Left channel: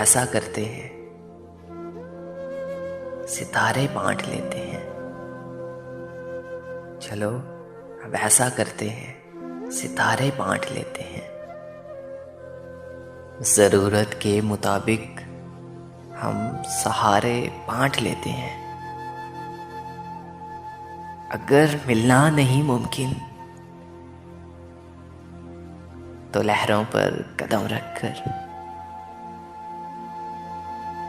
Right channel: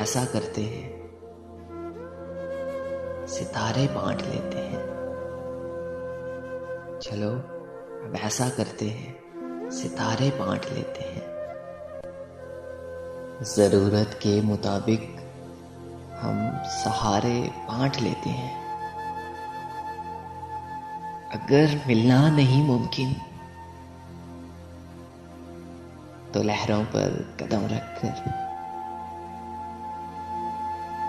ऐसा करते हैं, सितारे बांट लेते हैं। चलो अब ऐसा करते हैं, सितारे बांट लेते हैं। जरूरत के मुताबिक हम सहारे बांट लेते हैं। अगर मिलना नहीं मुमकिन तो लहरों पर कदम रखकर,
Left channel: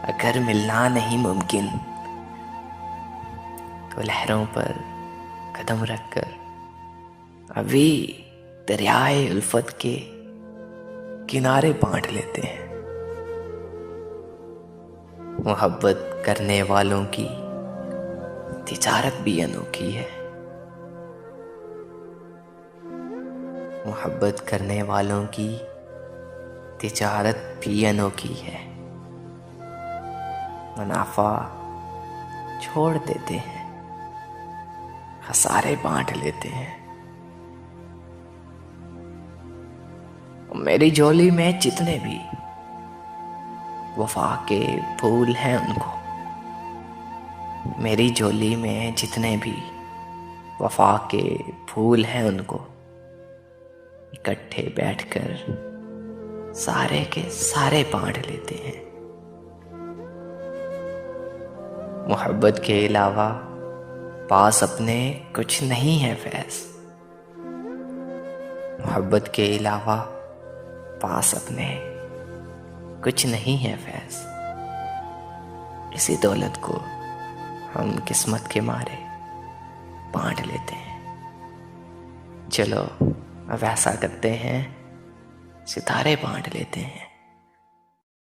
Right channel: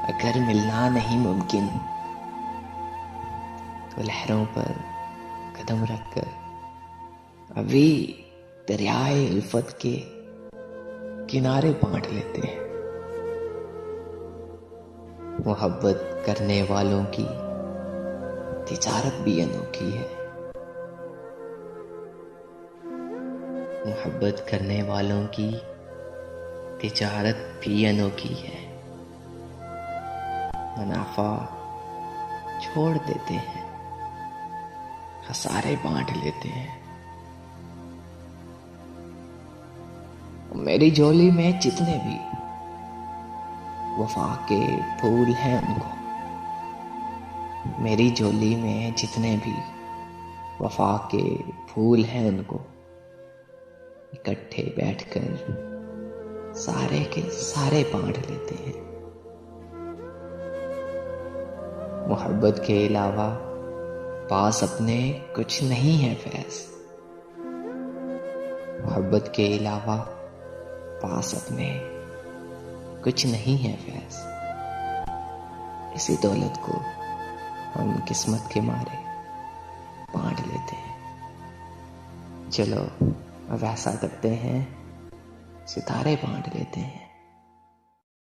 अगर मिलना नहीं मुमकिन तो लहरों पर कदम रखकर अभी दरियाए उल्फत के किनारे बांट लेते हैं। मोहब्बत करने वालों की तिजारत भी अनोखी है। मोहब्बत करने वालों की तिजारत भी अनोखी है। मुनाफा छोड़ देते हैं, खसारे बांट लेते हैं। मेरी झोली में जितने भी वफा के फूल हैं उनको, मेरी झोली में जितने भी वफा के फूल हैं उनको इकट्ठे बैठकर सारे के सारे बांट लेते हैं। मोहब्बत के अलावा पास अपने कुछ नहीं है फैज़। मोहब्बत के अलावा पास अपने कुछ नहीं है फैज़। इसी दौलत को हम किस्मत के मारे बांट लेते हैं। चलो अब ऐसा करते हैं, सितारे बांट लेते हैं।